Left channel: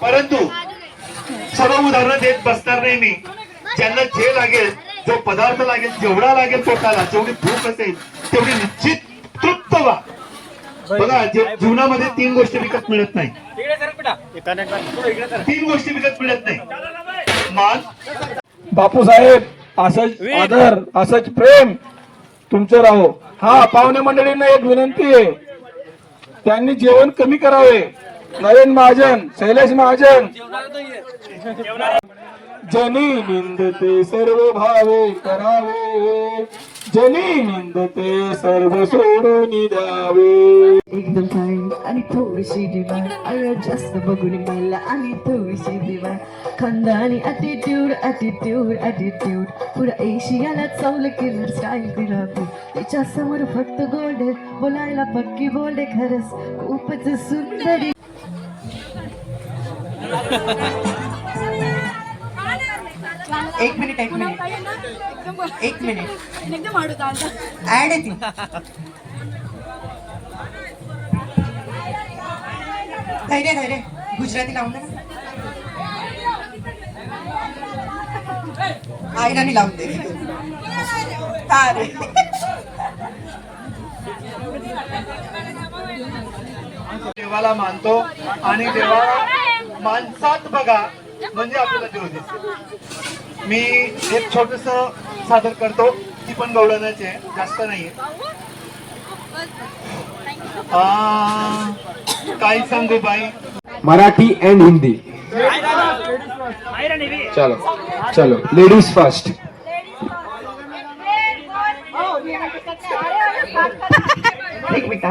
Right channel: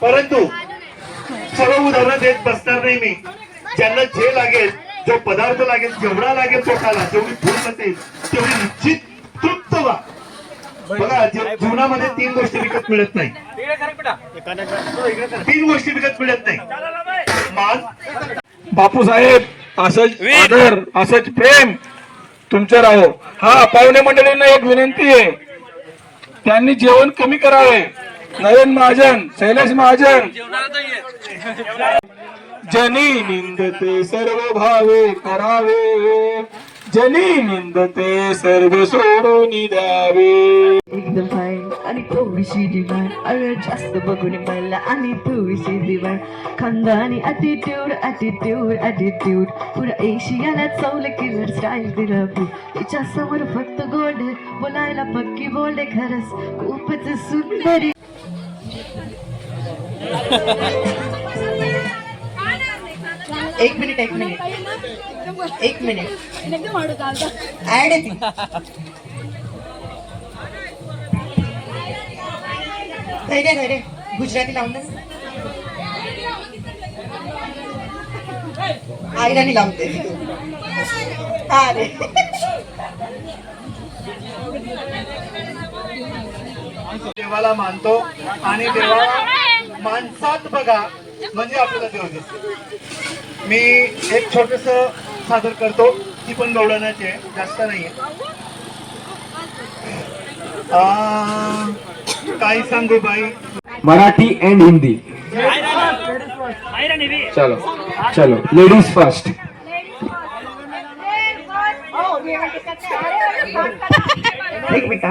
परंतु सर्व उदाहरणं देत बसणार नाही मी. ज्यांना जे लागेल, जो पदार्थ लागेल, जेवढा लागेल पोटाला, जेवढी भूक असेल तेवढी निश्चित तृप्त व्हा. बघा, जीवनामध्ये 3 गोष्टी विकत मिळत नाही. 3 गोष्टी विकत मिळत नाही. मान, बापू साहेब असंच आदर, असंच प्रेम तुमचं राहो. हा, पाहुणे मंडळींना एक विनंती आहे, त्यांनी जेवण कमी करावे. नवीन महाजन, शैलेश महाजन. जनी निंदते सर्व भावे करावे, जनी निंदते सर्व सोडून द्यावे. एकदम फाईन आणि थोडीशी डिमांड, अरे जास्त बघून मला आणि थोडीशी डिमांड. खंदा आणि ॲटिट्यूड ॲटिट्यूड ॲटिट्यूड, पुरा एशियाला चौल किलर स्टाईल दिला. तिच्या समोर फक्त गोल्ड, बोलायला पक्की बोलडे, खरंच खूपच सुंदर. एक मिनिट ऍड येते. धैर्य गुजराती लावून दे, आयराणी लावून दे. देवाला मानतो आणि देवाला माणसात बघा म्हणजे आपल्याला देव दिसतो. मी एक छोटस सादर करतो, ती पण गवळणाची आहे, जास्त नाहीये. काय सांगू बाई. मराठी एंड हिंदी. चलो चलो, लेडीज फर्स्ट. एक मिनिट.